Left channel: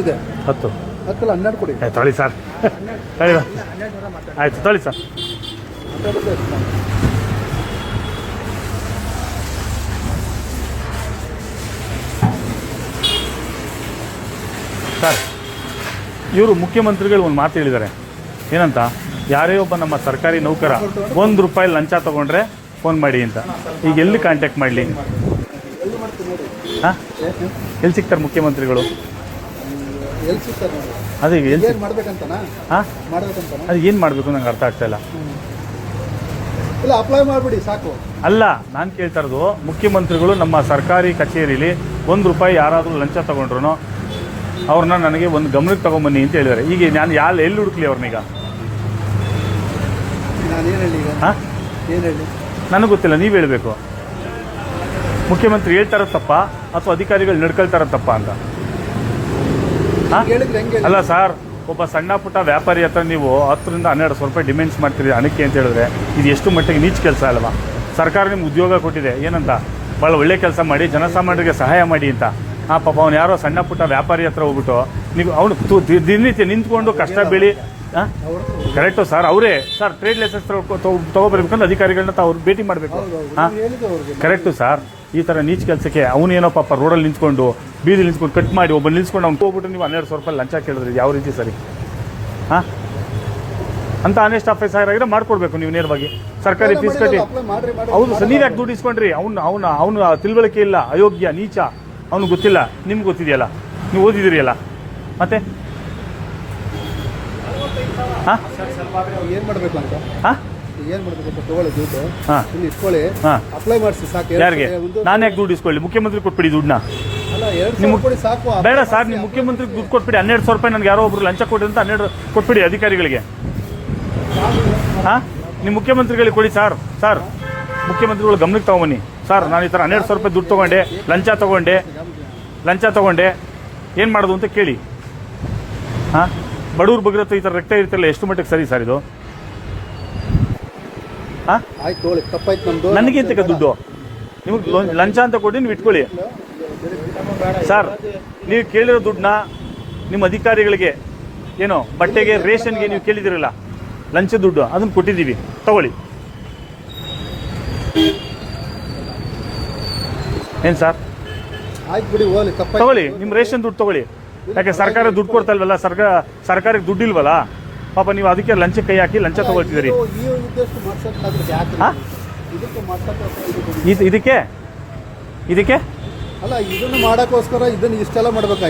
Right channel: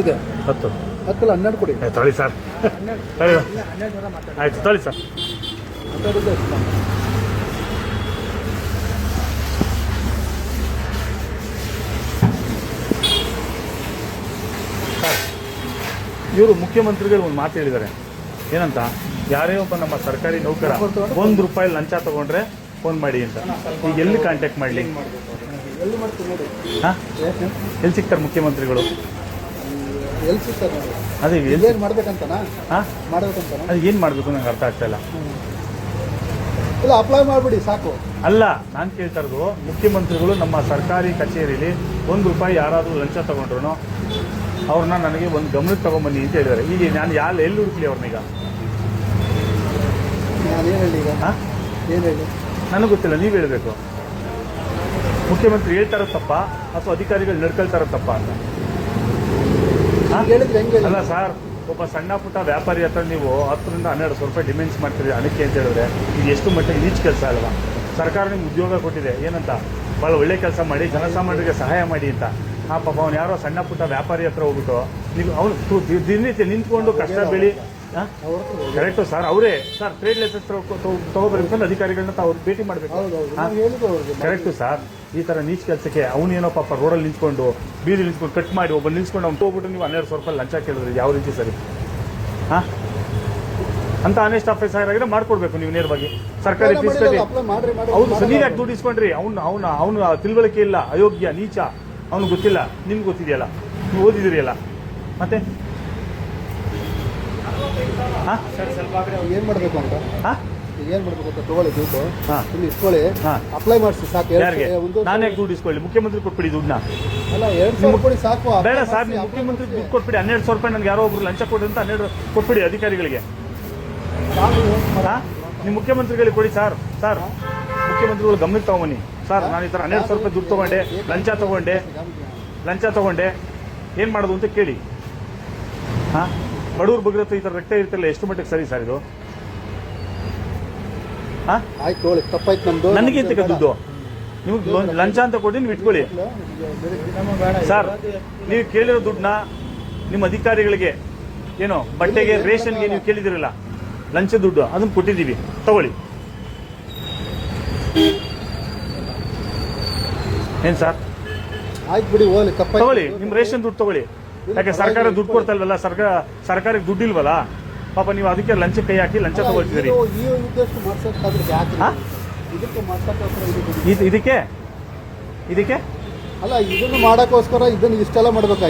ಎಷ್ಟಿದೆ? 10. 10 12 ಕೊಡಿ. ತೊಳಿ ಸರ್, ಆಯ್ತು ತೊಳಿ ಸರ್. ಸರ್, ಇವರು ಮುಖ್ಯಮಂತ್ರಿಗಳು ಒಂದು ಮಾತು ಹೇಳಿದ್ದಾರೆ. ಏನಂತ? ಯಾರೇ ಒಬ್ಬ ನಮ್ಮ ಸರ್ಕಾರಿ ನೌಕರ ₹1 ಲಂಚ ತಗೊಂಡ್ರೆ ಫೋನ್ ಮಾಡಿ ಅಂತ. ಈಗ ಎಲ್ಲಿ ಕಾಂಟ್ಯಾಕ್ಟ್ ಮಾಡಲಿ? ಎಲ್ಲಿ ಸಿಗ್ತಾರೆ ಮುಖ್ಯಮಂತ್ರಿಗಳು? ಅದೇ ಅದು ಏನು ಮಾಡಬೇಕು ನಂಗೆ ಅರ್ಥ ಆಗ್ತಾ ಇಲ್ಲ. ಅಪ್ಲೈ ಮಾಡ್ಬಿಡಿ ಸಾಕು. ಅಲ್ಲ, ನಾನು ಕೇಳ್ತಾ ಇರೋದು, ಮುಖ್ಯಮಂತ್ರಿಗಳು ನಮ್ಮ ಸರ್ಕಾರಿ ಕಚೇರಿಯಲ್ಲಿ ₹1 ಯಾರಾದರೂ ಲಂಚ ತಗೊಂಡ್ರು ಅವ್ರನ್ನ ನನಗೆ ಒಂದು ಗಮನಕ್ಕೆ ತಗೊಂಬನ್ನಿ ಅಂತ ಹೇಳಿದ್ದಾರೆ. ಈಗ ನಾನು ಎಲ್ಲಿ ಹುಡುಕ್ಲಿ ಅವ್ರನ್ನೀಗ? ನನಗೆ ಗೊತ್ತಿಲ್ಲ, ನೀವು ಹೇಳಬೇಕು. ಮುಖ್ಯಮಂತ್ರಿ ಹೇಳ್ತಾರ ತಪ್ಪ ಅಥವಾ ಅಧಿಕಾರಿಗಳು ನಡ್ಕೊಳ್ತಾರ ತಪ್ಪ ಅಂತ? ಅಲ್ಲ ಸರ್, ಒಬ್ಬ ಸಣ್ಣ ಪುಟ್ಟ ವ್ಯಾಪಾರಿ ಹತ್ರ ನೀವು 10 ರಿಂದ 12 ರೂಪಾಯಿ ಡಿಮ್ಯಾಂಡ್ಸ್ ಮಾಡ್ತೀರಿ ಹಣಕ್ಕೆ ಅಂತ ಹೇಳಿದ್ರೆ ಇದು ಎಷ್ಟು ಮಟ್ಟಿಗೆ ನೀಚ ಕೆಲಸ ಅಲ್ವಾ? ಸರ್ಕಾರ ನಿಮ್ಗೆ ಉದ್ಯೋಗ ಕೊಟ್ಟಿದೆ, ಏನಂತ? ಭಾಳ ಒಳ್ಳೆ ಕೆಲಸ ಮಾಡಿ ಜನಸಾಮಾನ್ಯರಿಗೆ ಸಹಾಯ ಮಾಡಿ ಅಂತ. ಪಾಪ ಅವ್ನು ಯಾರೋ ಸಣ್ಣ ಪುಟ್ಟ ವ್ಯಾಪಾರಿ ಹತ್ರ ಹೋಗ್ಬಿಟ್ಟು ನೀವು ಅವನು ದಿನನಿತ್ಯ ನಿಂತ್ಕೊಂಡು ಕಷ್ಟ ಬೆಳಿ. ಕರೆಕ್ಟು ಸರ್, ಅವರೇ ಸರ್ ಟ್ರೇಡ್ ಲೈಸೆನ್ಸ್ ತಗೋಬರ್ಬೇಕಂದ್ರೆ ಅಧಿಕಾರಿಗಳನ್ನ ಅವ್ರು ಭೇಟಿ ಮಾಡಬೇಕು. ಕರೆಕ್ಟು ಸರ್, ಈ ಥರ ನೀಚ್ ಕೆಲಸಕ್ಕೆ ಅವನೇನೋ ಪಾಪ ರೋಡಲ್ಲಿ ನಿಂತ್ಕೊಂಡು ಬೀದಿ ನಿಂತ್ಕೊಂಡು ಕಟ್ ಮಾಡಿ ಒಬ್ಬ ನಿಲ್ಸ್ಕೊಂಡು ಅವ್ನು ಹೋಗ್ಬಿಟ್ಟು ನೀವು ₹1200 ಲಂಚ ಕೇಳಿದ್ರಿ, ಯಾವ ರೀತಿ ಸರಿ? ಅಂತ ಆನೆಸ್ಟ್ ಆಫೀಸರ್ ಆಗಿದ್ರೆ ಮಾಡ್ಕೊಡ್ಬೇಕು ನೀವು ನೇರವಾಗಿ. ಸರ್ಕಾರಿ ಫೀಸ್ ಕಟ್ಟಿ. ಹೌದು ಸರ್, ನೀವು ಯಾಕೆ ದುಡ್ಡು ಇಸ್ಕೊಂಡ್ರಿ? ಅವನು ತಿಳುವಳಿಕೆ ಇಲ್ಲ, ಅಯೋಗ್ಯ, ನೀಚ, ಅವ್ನು ಗೊತ್ತಿಲ್ಲ. ನಿಮ್ಗೆ ಗೊತ್ತಿದೆಯಲ್ಲ, ನೀವು ಓದಿದಿರಿಯಲ್ಲ, ಮತ್ತೆ ಏನ್ ಮಾಡ್ಬೇಕು ಅಂತ ಏನ್ ಮಾಡ್ಬೇಕು? ತಗೊಳ್ಳಿ ದುಡ್ಡು, ಇಸ್ಕೊಳ್ಳಿ, ಅಪ್ಲೈ ಮಾಡಿಸಿ ಸಾಕು. ಯಾರಿಗೆ? ನಾನು ಯಾಕೆ ದುಡ್ಡು ಇಸ್ಕೊಳ್ಳಿ? ಮುಖ್ಯಮಂತ್ರಿ ಕೊಟ್ಬಿಡಿ ದುಡ್ಡನ್ನ. ಅಲ್ಲ, ₹200 ಸಾಕು. ಬೇಡ ಸರ್, ನೀವು ಮುಖ್ಯಮಂತ್ರಿಗೆ ದುಡ್ಡು ಕೊಟ್ಬಿಡಿ. ₹1200 ನನಗೆ ಯಾರೋ ಒಬ್ರು ಲಂಚ ಕೊಡಿ ಅಂತ 12 ಕೊಟ್ಬಿಡಿ ಅಧಿಕಾರಿಗಳಿಗೆ. ನೀವು ಮುಖ್ಯಮಂತ್ರಿಗಳಿಗೆ ಕೊಡಿ ಸರ್. ಸರ್, ಮುಖ್ಯಮಂತ್ರಿಗಳು ಗಮನಕ್ಕೆ ತಗೊಂಬನ್ನಿ. ಸರ್, ನಾನು ಈ ಥರ ₹1200 ದುಡ್ಡು ತಗೊಂಡೆ, ಲಂಚ ತಗೊಂಡೆ, ಏನು ಮಾಡೋದು ಅಂತ ಕೇಳಿ. ಬಡವ್ರ ಬಗ್ಗೆ ಈ ಥರ ರಕ್ತ ಇರ್ತಿಲ್ಲ, ಎಷ್ಟು ಮಟ್ಟಿಗೆ ಸರಿ ಸರ್ ಇದು? ನನಗಿಂತ ದುಡ್ಡು ನಿಮ್ಗೆ ಲಂಚ ಅಂತ ಕೊಡಿ, ನೀವು ಇಟ್ಕೊಳ್ಳಿ ಸರ್. ನೀವು ಕೇಳಿರೋ ದುಡ್ಡನ್ನ ನಿಮ್ಮ ಅಧಿಕಾರಿಗಳಿಗೆ ಏನೋ ಬಟ್ಟೆಗೆ, ರೇಷನ್ಗೆ ನೀವು ಕೇಳಿದಿರಲ್ಲ ಲಂಚ ದುಡ್ಡು, ಅದನ್ನು ಕೊಟ್ಟಿದ್ದೀವಿ, ತಗೊಳ್ಳಿ. ಏನ್ ಸರ್? ತಗೊಳ್ಳಿ, ನಿಮ್ಮ ರೇಷನ್ ದುಡ್ಡು ತಗೊಳ್ಳಿ. ಯಾಕೆ ಸರ್ಕಾರ ದುಡ್ಡು ಕೊಡ್ತಾ ಇಲ್ವಲ್ಲ, ಸರ್ಕಾರಕ್ಕೆ ದುಡ್ಡು ಇಲ್ವಲ್ಲ ಪಾಪ, ನೀವು ಅದಕ್ಕೆ ಲಂಚ ಕೈ ಹಾಕಿ ಲಂಚ ತಗೊಳ್ತಿದ್ದೀರಿ. ಇದಕ್ಕೆ ಅಲ್ಲ, ಇದನ್ನು ಮಾಡಕ್ಕೋಸ್ಕರ ಇದನ್ನು ಇಷ್ಟೆಲ್ಲ ಮಾಡ್ಬೇಕಾಗಿ